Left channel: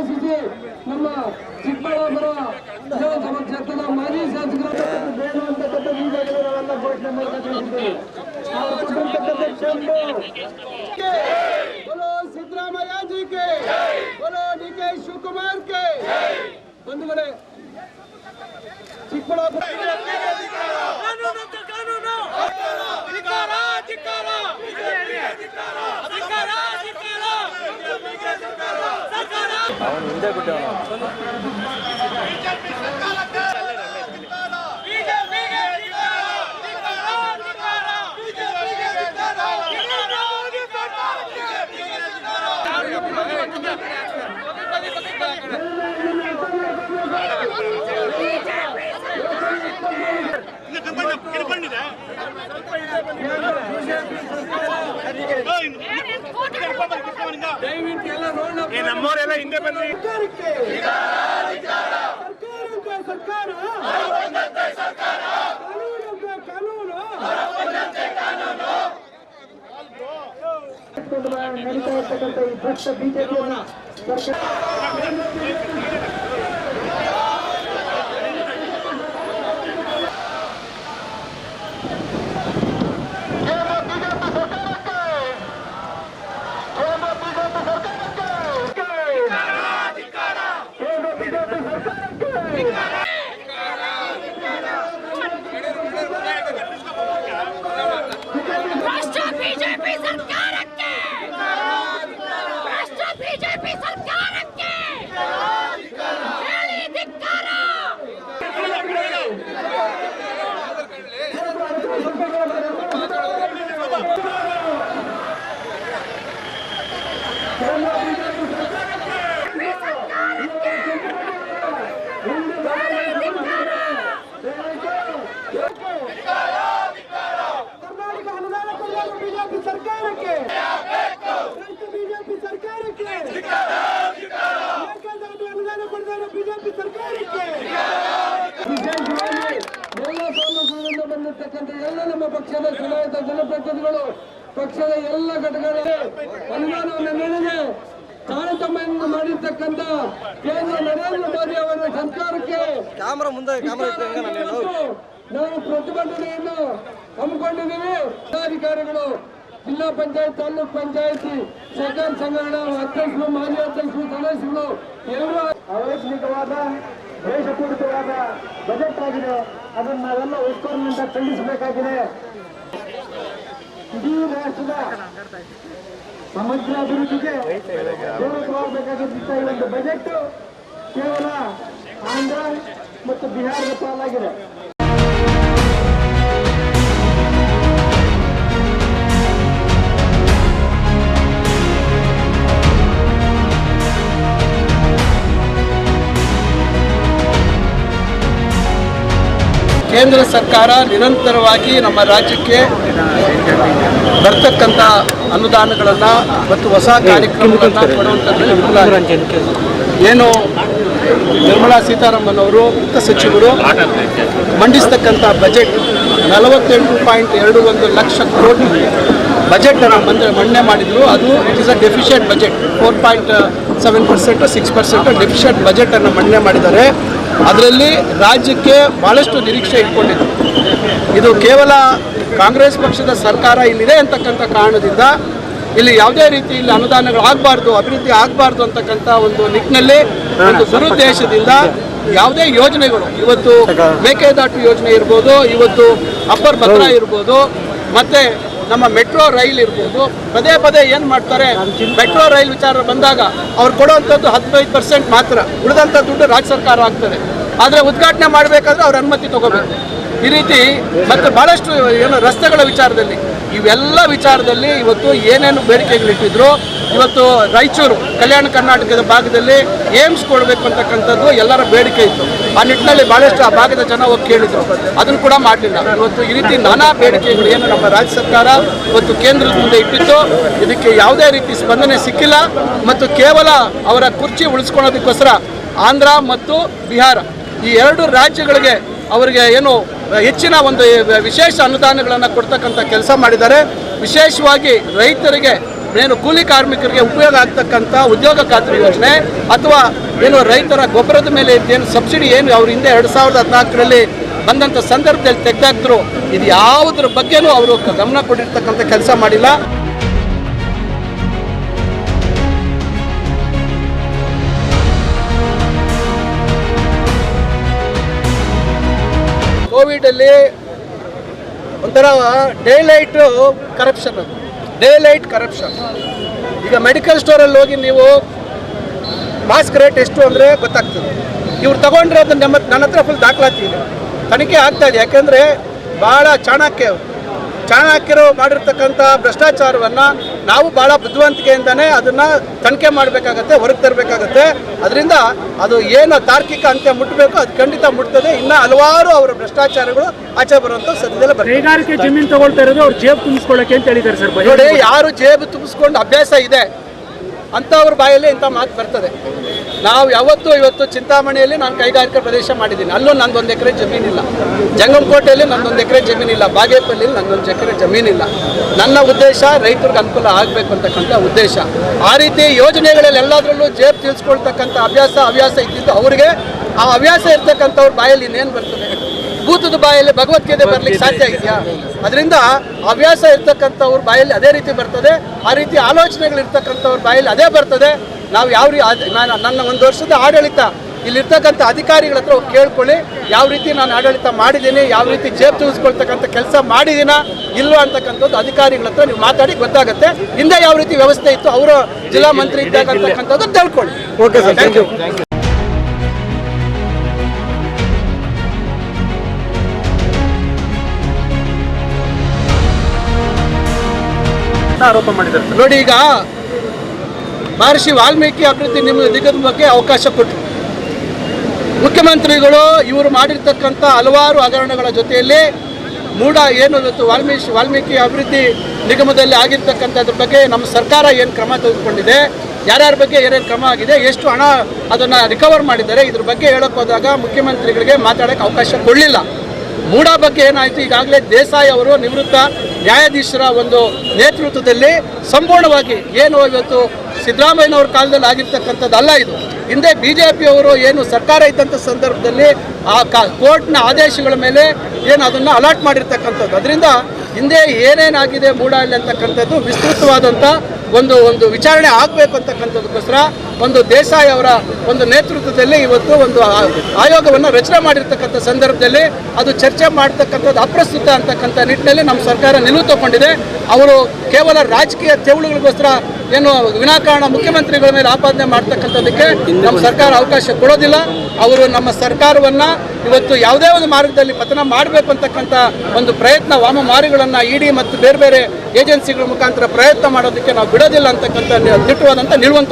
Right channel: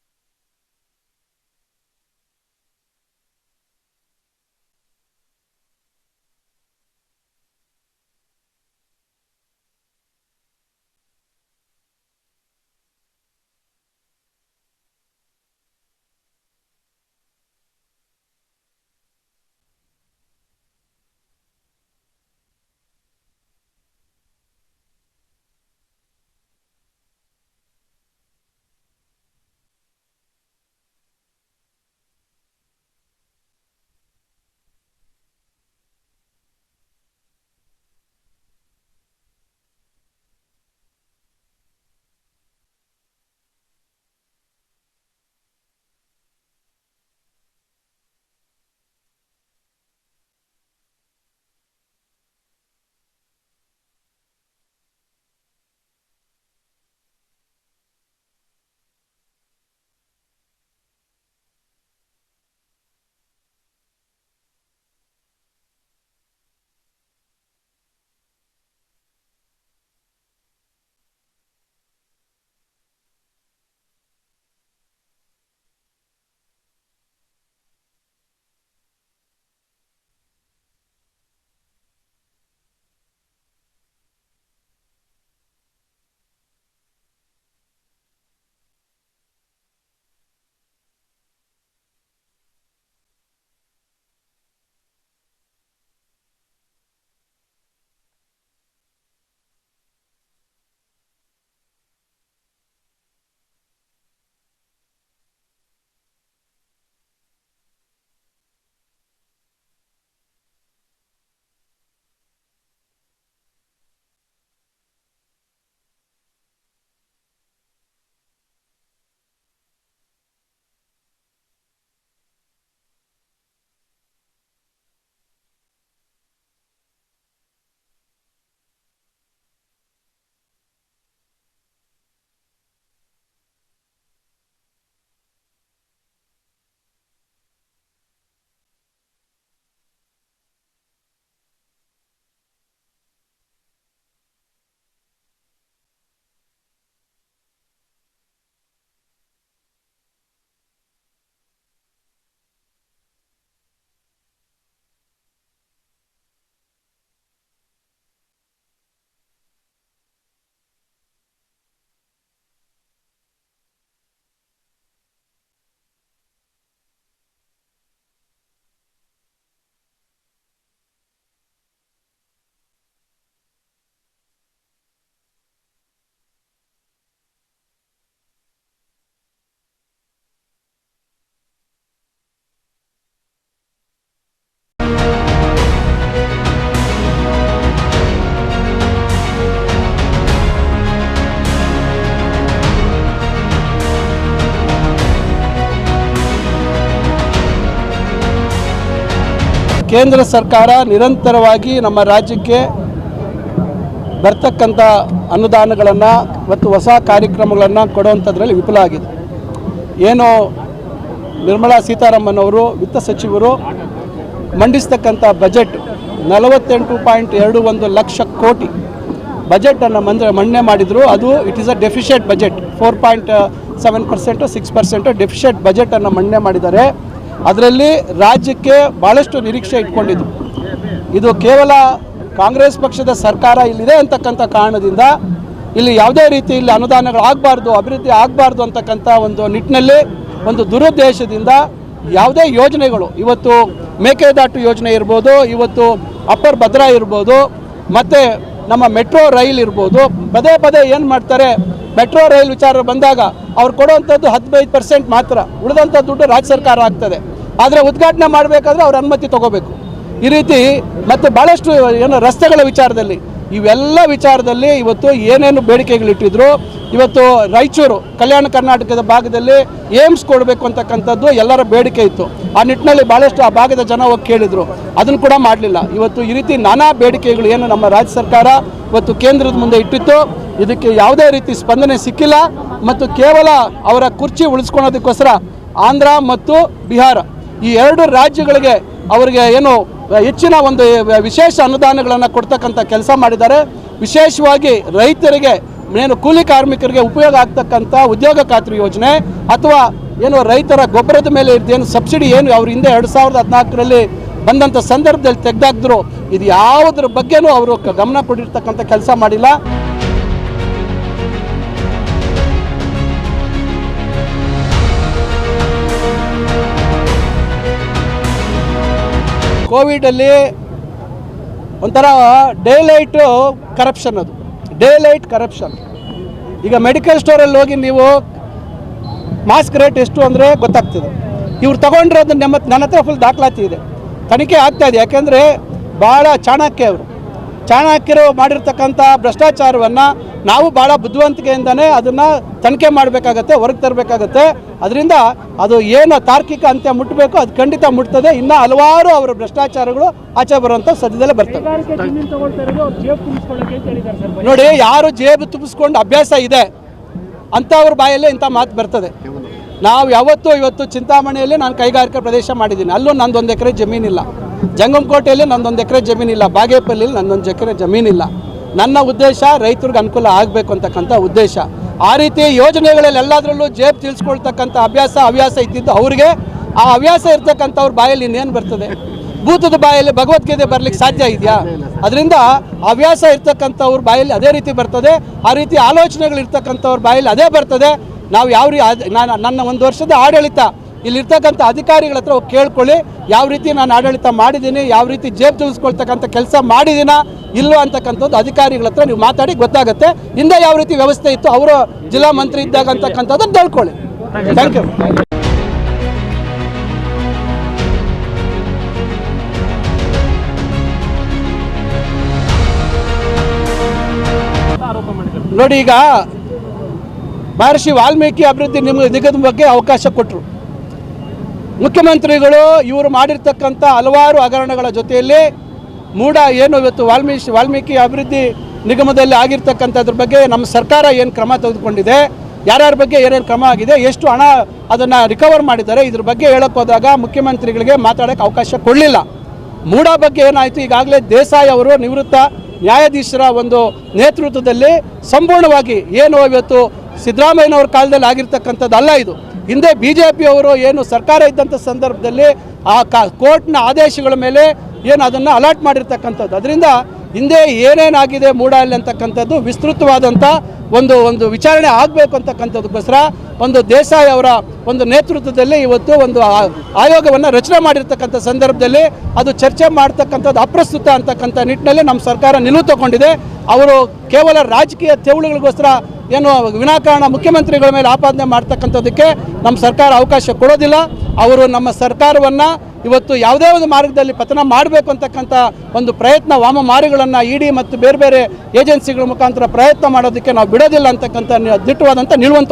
ಆದೇಶಿಸಿ ನಮ್ಮ ಚಿಕ್ಕಬಳ್ಳಾಪುರ ವಿಧಾನಸಭಾ ಕ್ಷೇತ್ರದ ಮಾಜಿ ಶಾಸಕರು ಬೇಡುವಂತಕ್ಕಂಥ ಈಗಾಗಲೇ ನಾವೆಲ್ಲ ಘೋಷಣೆ ಮಾಡಬೇಕಾಗಿದೆ. बोलो सिद्धरामಯ್ಯ जी के, बोलो DK शिवकुमार के। ಬಂಧುಗಳೇ, ಚಿಕ್ಕಬಳ್ಳಾಪುರ ನಮ್ಮವರೆಲ್ಲ ಹಿಂದೆ ಬಂದ್ರಿ. ನಡೀತಾ ಇರ್ತಕ್ಕಂಥ ಈ ಭ್ರಷ್ಟ ಬಿಜೆಪಿಯನ್ನ ಬಂದಿರ್ತಕ್ಕಂಥ ಎಲ್ಲ ನಮ್ಮ ಪಕ್ಷದ ಚುನಾಯಿತ ಜನಪ್ರತಿನಿಧಿಗಳು, ಪಕ್ಷದ ಎಲ್ಲ ಘಟಕಗಳಿಗೆ ಅನುದಾನವನ್ನು ನೀಡಿದೆ. ತಾರತಮ್ಯವನ್ನು ಮಾಡಿರ್ತಕ್ಕಂಥ ಕೇಂದ್ರ ನರೇಂದ್ರ ಮೋದಿ ಅವರ ಸರ್ಕಾರಕ್ಕೆ ನಾವು ಪ್ರತಿಭಟನೆಯನ್ನು ಹಮ್ಮಿಕೊಂಡಿದ್ದೀವಿ. ಜಿಲ್ಲಾಧಿಕಾರಿಗಳು, ಜಿಲ್ಲಾ ಪಂಚಾಯತ್, ತಾಲೂಕ್ ಪಂಚಾಯತಿ, ಸಹಕಾರ ಸಂಘಗಳ ಅಧ್ಯಕ್ಷರು, ಮಾಜಿ ಅಧ್ಯಕ್ಷರು, ಸದಸ್ಯರು ಎಲ್ಲರೂ ಅವೈಜ್ಞಾನಿಕವಾದ ದೇಶಪೂರಿತವಾದ ಬಜೆಟ್ ಆಗಿದೆ. ಅದನ್ನು ನಾವೆಲ್ಲ ಒಕ್ಕೊರಲಿನಿಂದ ಖಂಡಿಸಬೇಕಾಗಿದೆ. ಇಡೀ ರಾಷ್ಟ್ರದ ಸಮಗ್ರ ಅಭಿವೃದ್ಧಿಗೆ ಪೂರಕವಾಗಬೇಕಾಗಿದ್ದ ಈ ಒಂದು ಬಜೆಟ್ ಕೇವಲ ಆಂಧ್ರ ಮತ್ತು ಬಿಹಾರದ ಪಾಲಾಗಿದೆ. ಕೇಂದ್ರ ಸರ್ಕಾರ ನಿರಂತರವಾಗಿ ನಮ್ಮ ರಾಜ್ಯಕ್ಕೆ ಬರ್ತಕ್ಕಂಥ ಅನುದಾನಗಳನ್ನು ಮತ್ತು ಹೊಸ ಕಾರ್ಯಕ್ರಮಗಳನ್ನು ಕೊಡುವಂಥದ್ರಲ್ಲಿ ವಿಫಲ ಆಗಿದೆ. ಏನು ನಿರ್ಮಲಾ ಸೀತಾರಾಮನ್ ಅವರು ವಿತ್ತ ಸಚಿವರು ಮಂಡಿಸ್ತಕ್ಕಂಥ ಬಜೆಟ್ 48.21 ಲಕ್ಷ ಕೋಟಿ ಬಜೆಟನ್ನು ಮಂಡನೆ ಮಾಡಿದ್ರು. ಅದು it is a deficient budget. 4.7% 6% deficient ಬಜೆಟನ್ನು ಮಂಡನೆ ಮಾಡಿದ್ದಾರೆ. ಅದರಲ್ಲಿ ರಾಜ್ಯಕ್ಕೆ ಭಾಳಷ್ಟು ನಿರೀಕ್ಷೆ ಇಟ್ಕೊಂಡಿದ್ರು. ಇದು ಕೇವಲ ಕಾಂಗ್ರೆಸ್ ಪಕ್ಷದ ಸರ್ಕಾರ ಇಲ್ಲಿದೆ ಅಂತಕ್ಕಂಥ ಕಾರಣದಿಂದ ಇಲ್ಲಿ ಯಾವುದೇ ರೀತಿ ಇಲ್ಲಿ ಅನುದಾನಗಳು ಆಗಬಾರ್ದು, ಅಭಿವೃದ್ಧಿ ಆಗಬಾರ್ದು ಅಂತಕ್ಕಂಥ ಒಂದು ನಿಟ್ಟಿನಲ್ಲಿ ಒಂದು ದುರುದ್ದೇಶದಿಂದ ಯಾವುದೇ ಯೋಜನೆಗಳು, ಇವತ್ತು ಮೇಕೆದಾಟು ಯೋಜನೆ ಇರ್ಬೋದು, ಇವತ್ತು ಅಪ್ಪರ್ ಭದ್ರಾ ಇರ್ಬೋದು, ಮತ್ತು ನಮ್ಮ ಮೆಟ್ರೋ ರೈಲ್ ಇರ್ಬೋದು, ಪದೇ ಪದೇ ಏನು ಮಾಡ್ತಾರೆ, ಮೆಟ್ರೋ ರೈಲ್ ವಿಚಾರ ಬಂದಾಗ ಅವ್ರು ಕೊಡುವಂಥದ್ದು 15% ಮಾತ್ರ, ಉಳಿದಂಥ ದುಡ್ಡು ರಾಜ್ಯ ಸರ್ಕಾರ ಆಗ್ತದೆ. ಆದರೆ ಉದ್ಘಾಟನೆ ಮಾಡಬೇಕಾದ್ರೆ ಅವ್ರ ಅನುಮತಿ ತಗೋಬೇಕು. ಈ ರೀತಿ ಮತ್ತು ಭಾಳಷ್ಟು ಏನು ರಸ್ತೆಗಳ ವಿಚಾರದಲ್ಲಿ, ಇವೆಲ್ಲ ವಿಚಾರದಲ್ಲಿ ಇವತ್ತು ಏನೇನು ಬೇಡಿಕೆಗಳಿಟ್ಟಿದ್ರು. ಇವತ್ತು ರಾಯಚೂರು ಕಲ್ಯಾಣ ಕರ್ನಾಟಕದ ಭಾಗದಲ್ಲಿ ಏಮ್ಸ್ ಕೊಡಬೇಕು ಅಂತಕ್ಕಂಥದ್ದು ಎಲ್ಲರ ಬೇಡಿಕೆ ಇತ್ತು. ಆ ನಿಟ್ಟಿನಲ್ಲಿ ಭಾಳಷ್ಟು ಆ ಭಾಗದ ಜನ ಹೋಗಿ ಕೇಳಿದ್ರು, ಅದನ್ನು ಕೂಡ ಮಾಡಲಿಲ್ಲ. ಇವತ್ತು ಈ ರೀತಿ ನಾನಾ ಬೇಡಿಕೆಗಳು ಏನು ನಮ್ಮ ರಾಜ್ಯ ಸರ್ಕಾರ ಇವತ್ತು ಕೇಂದ್ರದ ಮುಂದೆ ಇಟ್ಟಿತ್ತು, ಇದಕ್ಕೆ ಯಾವುದೇ ರೀತಿ ಸ್ಪಂದನೆ ಸಿಕ್ಕಿಲ್ಲ. ಮತ್ತು ಕೇವಲ ಅವರ ಕುರ್ಚಿ ಉಳಿಸ್ಕೊಳ್ಳೋದಕ್ಕೋಸ್ಕರ ಆಂಧ್ರ ಮತ್ತು ಬಿಹಾರ ಈ ಎರಡು ರಾಜ್ಯಗಳಿಗೆ ಅವರಿಗೆ ಏನು ಹೆಚ್ಚಿನ ಒಂದು ವಿಶೇಷ ಅನುದಾನಗಳನ್ನು ಕೊಡ್ತಕ್ಕಂಥ ಕೆಲಸ ಮಾಡಿದ್ದಾರೆ. ವಿಶೇಷವಾಗಿ ರೈತರಿಗೆ ಏನು ಕೂಲಿ ಕಾರ್ಮಿಕರಿಗೆ ಉಪಯೋಗ ಆಗ್ತಕ್ಕಂಥ ಉದ್ಯೋಗ ಖಾತ್ರಿ ಯೋಜನೆ ಅಥವಾ ಏನು ರೈತರ ಗೊಬ್ಬರದ ಮೇಲೆ ಏನು ಸಬ್ಸಿಡಿ ಏನು ಅವ್ರ ಹಿಂದೆ 2014ರಲ್ಲಿ ಬಂದಂಥ ಸಂದರ್ಭದಲ್ಲಿ ತೆಗೆದಾಕಿದ್ರು, ಇದು ಯಾವುದ್ರ ಬಗ್ಗೆನೂ ಅವರು ಗಮನ ಕೊಟ್ಟಿರ್ತಕ್ಕಂಥ ಕೆಲಸ ಮಾಡಿಲ್ಲ. ಕೋವಿಡಲ್ಲಿ ಒಂಥರ ಡೇಲೈಟ್ ಕರಪ್ಷನ್, ಅದು ಡೇಲೈಟ್ ಕರಪ್ಷನ್. ಈಗ ಮೆಡಿಕಲ್ ಸ್ಟೋರಲ್ಲಿ ಹೋಗಿ ನೀವು ಮಾಸ್ಕ್ ರೇಟ್ ಎಷ್ಟು ಅಂದರೆ ಗೊತ್ತಾಗ್ತದೆ. ಇವ್ರು ತಗೊಂಡಿರೋದು ನನ್ನ ಹತ್ರ ಫುಲ್ ದಾಖಲಾತಿ ಇದೆ, ತನಿಖೆ ಆಗ್ತಾಯಿದೆ. ಯಾಕೆಂದರೆ ಭಾಳ ಚಾಣಕ್ಯರು ಮಾಡಿರ್ತಕ್ಕಂಥ ಭ್ರಷ್ಟಾಚಾರವನ್ನು ನಾವು ಭಾಳ ಬುದ್ಧಿವಂತಿಕೆಯಿಂದನೇ ಅದನ್ನು ತನಿಖೆ ಮಾಡಬೇಕಾಗತ್ತೆ, ಹೊರಗೆ ತರಬೇಕಾಗತ್ತೆ. ಅದರಿಂದ ಅದು ಏನು ತಾರ್ಕಿಕ ಅಂತ್ಯ ಮುಟ್ಟಬೇಕು ಅದು ಖಂಡಿತ ಮುಟ್ತದೆ. ಇನ್ನು ಹಲವಾರು ಅವರ ಭ್ರಷ್ಟಾಚಾರಗಳು ಆಚೆ ಬರುವಂಥ ಸದ್ಯದಲ್ಲೇ ಬರ್ತದೆ. ಕೈಗಾರಿಕೆ ಜಮೀನು ತಗೊಳ್ತಾ ಇರೋದು ಅವ್ರು ಜೇಬು ತುಂಬಿಸ್ಕೊಳ್ಳೋಕೆ ಅಂತ ಹೇಳಿದ್ದಾರೆ ಸರ್. ನೋಡಿ, ಯಾರು ಜೇಬು ತುಂಬಿಸ್ಕೊಂಡು ಅಭ್ಯಾಸ ಇದೆ ಅಂಥವ್ರ ಬಾಯಲ್ಲಿ ಇಂಥ ಮಾತು ಬರ್ತದೆ. ನಾವು ಇವತ್ತು ಚಿಂತಾಮಣಿಯಲ್ಲಿ ನಾನು ಕೈಗಾರಿಕಾ ಪ್ರದೇಶ ಮಾಡಿದ್ದೀನಿ, ಅಲ್ಲೂ ನಂದೊಂದು ಎಕರೆ ಜಮೀನಿಲ್ಲ. ಜಂಗಮಕೋಟೆಯಲ್ಲಿ ನಂದೊಂದು ಎಕರೆ ಜಮೀನಿಲ್ಲ. ಬಾಗೇಪಲ್ಲಿಯಲ್ಲಿ ನಂದೊಂದು ಎಕರೆ ಜಮೀನಿಲ್ಲ. ನನ್ನ ಉದ್ದೇಶ ರೈತರಿಗೆ ಅನುಕೂಲ ಆಗಬೇಕು ಅಂತಕ್ಕಂಥ ಉದ್ದೇಶ. ಆ ರೀತಿ ಯೋಜನೆಗಳಲ್ಲಿ ಎಲ್ಲದರಲ್ಲೂ ಜೇಬು ತಿಳಿಸ್ಕೊಳ್ತಕ್ಕಂಥ ಹವ್ಯಾಸ ಇದ್ದಿದ್ದು ಅವ್ರಿಗೆ. ಆ ಹವ್ಯಾಸ ಇರ್ತಕ್ಕಂಥವ್ರ ಬಾಯಲ್ಲಿ ಇನ್ನೇನು ಬರ್ತದೆ? ಭೂತದ ಬಾಯಲ್ಲಿ ಭಗವದ್ಗೀತೆ ಬರಲಿಕ್ಕೆ ಸಾಧ್ಯ ಇದೆಯಾ? ಅದರಿಂದ ಹವ್ಯಾಸ ಇರ್ತಕ್ಕಂಥವ್ರ ಬಾಯಲ್ಲಿ ಅದೇ ರೀತಿ ಬರ್ತದೆ, ಆ ರೀತಿ ಆಲೋಚನೆಗಳಿರ್ತಕ್ಕಂಥವ್ರ ಬಾಯಲ್ಲಿ ಅದೇ ಬರ್ತದೆ. ನಾವು ನನ್ನ 1 ವರ್ಷದ ಆಡಳಿತ ಇಲ್ಲಿರ್ತಕ್ಕಂಥ ಅಧಿಕಾರಿಗಳ ಹತ್ರ ಕೇಳ್ಕೊಳ್ಳಿ, ಯಾವ ರೀತಿ ನಾನು ಆಡಳಿತ ಮಾಡಿದ್ದೀನಿ, ಯಾವ ರೀತಿ ಜೇಬು ತಿಳಿಸ್ಕೊಳ್ತಕ್ಕಂಥ ಕೆಲಸ ಮಾಡಿದ್ದೀನ ಇಲ್ವೋ ಅಂತಕ್ಕಂಥದ್ದು ಅಧಿಕಾರಿಗಳ ಹತ್ರ ನೀವು ಮಾತಾಡಿ ಗೊತ್ತಾಗುತ್ತೆ. ಹಿಂದೆ ಯಾವ ರೀತಿ ವ್ಯವಸ್ಥೆ ಇತ್ತು ಅವರ ಜಿಲ್ಲಾ ಮಂತ್ರಿ ಇದ್ದಾಗ ಅಂತಕ್ಕಂಥದ್ದು ತಿಳ್ಕೊಳ್ಳಿ. Thank you. ಆರೋಪ ಮಾಡಿದ್ದಾರೆ. ನೋಡಿ, ಈಗ ಮಹರ್ಷಿ ವಾಲ್ಮೀಕಿ ಅಭಿವೃದ್ಧಿ ನಿಗಮದ ಬಗ್ಗೆ ಅವಕಾಶ ಕೊಟ್ಟರು ಮುಖ್ಯಮಂತ್ರಿಗಳು. ಇವರು ಮಾಡಿರ್ತಕ್ಕಂಥ ಹಲವಾರು ಹಗರಣಗಳ ಜೊತೆಯಲ್ಲಿ ಏನು ಇವತ್ತು ವಾಲ್ಮೀಕಿ ಅಭಿವೃದ್ಧಿ ನಿಗಮದಲ್ಲಿ ಆಗಿರ್ತಕ್ಕಂಥದ್ರ ಬಗ್ಗೆ ನಮ್ಮ ಸರ್ಕಾರ ಏನು ಕ್ರಮ ತೆಗೆದುಕೊಂಡಿದೆ, ಯಾರ್ಯಾರ ಬಗ್ಗೆ ಏನೇನು ಕ್ರಮ ಆಗಿದೆ, ಎಷ್ಟು ಹಣ ಅದನ್ನು ರಿಕವರ್ ಮಾಡಿದ್ದಾರೆ, ಇದ್ರ ಬಗ್ಗೆ ಹೇಳಕ್ಕೆ ಹೋದಾಗ ಮುಖ್ಯಮಂತ್ರಿಗಳಿಗೆ ಮಾತಾಡೋಕ್ಕೆ ಅವಕಾಶ ಕೊಡಲಿಲ್ಲ. ಮೂಡ ಬಗ್ಗೆ ಏನಾಯಿತು, ಈಗಾಗಲೇ ದೇಸಾಯಿ ಅವರು ನಿವೃತ್ತ ನ್ಯಾಯಾಧೀಶರ ಒಂದು ನೇತೃತ್ವದಲ್ಲಿ ಸಂಪೂರ್ಣವಾಗಿ ಏನು ಇವತ್ತು ಸಿದ್ದರಾಮಯ್ಯನವ್ರ ಕಾಲದಲ್ಲಿ ಆಗಿರ್ತಕ್ಕಂಥದ್ದಲ್ಲ. ಇದು ಹಿಂದೆ BJP ಅವರು ಏನು ಸರ್ಕಾರ ಇದ್ದಂಥ ಸಂದರ್ಭದಲ್ಲಿ ಆ ಕೋರ್ಟ್ನ ಆದೇಶಗಳ ಮೇಲೆ ಏನು ಅದನ್ನು ಅಲಾಟ್ ಮಾಡಿರ್ತಕ್ಕಂಥದ್ದು. ಅದರಿಂದ ಹಿಂದೆ ಏನೇನಾಗಿದೆ ಮೂಡಲ್ಲಿ ಅಂತಕ್ಕಂಥದ್ದು ವಿಸ್ತೃತವಾದಂಥ ಒಂದು ವಿಚಾರಣೆ ಆಗಬೇಕು ಅಂತಕ್ಕಂಥದ್ದಕ್ಕೋಸ್ಕರ ಒಂದು ದೇಸಾಯಿ ಅವರ ಒಂದು ನೇತೃತ್ವದಲ್ಲಿ ಇವತ್ತು ಒಂದು ಆಯೋಗವನ್ನು ರಚನೆ ಮಾಡಿರ್ತಕ್ಕಂಥ ಸಂದರ್ಭದಲ್ಲಿ ಅದು ಚರ್ಚೆ ಮಾಡ್ತಕ್ಕಂಥದ್ದು ಅಪ್ರಸ್ತುತ ಅಂತಕ್ಕಂಥ ನಿಟ್ಟಿನಲ್ಲಿ ನಮ್ಮ ಸರ್ಕಾರ ನಿಲುವು ತಗೊಂಡಿದೆ. ಅವರು ಕೇವಲ ರಾಜಕೀಯ ತೆವಳುಗಳಿಗೋಸ್ಕರ ಏನು ವಿನಾಕಾರಣ ಮುಖ್ಯಮಂತ್ರಿಗಳ ಮೇಲೆ ಆಪಾದನೆ ಮಾಡ್ತಕ್ಕಂಥದ್ದಕ್ಕೆ ನಮ್ಮ ಸರ್ಕಾರ ಅವಕಾಶ ಕೊಡೋದಿಲ್ಲ. ಅವರು ನಮ್ಮ ಸರ್ಕಾರವನ್ನು ಇವತ್ತು ಯಾವುದೇ ಒಂದು ಮಾರ್ಗದಲ್ಲಿ ಪತನ ಮಾಡಬೇಕು ಅಂತಕ್ಕಂಥ ಒಂದು ಪ್ರಯತ್ನ ವಾಮಮಾರಿಗಳನ್ನು ED ಮತ್ತು ಬೇರೆ ಬೇರೆ ಏಜೆನ್ಸಿಗಳ ಮುಖಾಂತರ ಪ್ರಯತ್ನ ಮಾಡೋದಕ್ಕೆ ನಾವು ಬಿಡೋದಿಲ್ಲ ಅಂತಕ್ಕಂಥ ದಿಟ್ಟವಾದಂಥ ನಿಲುವನ್ನು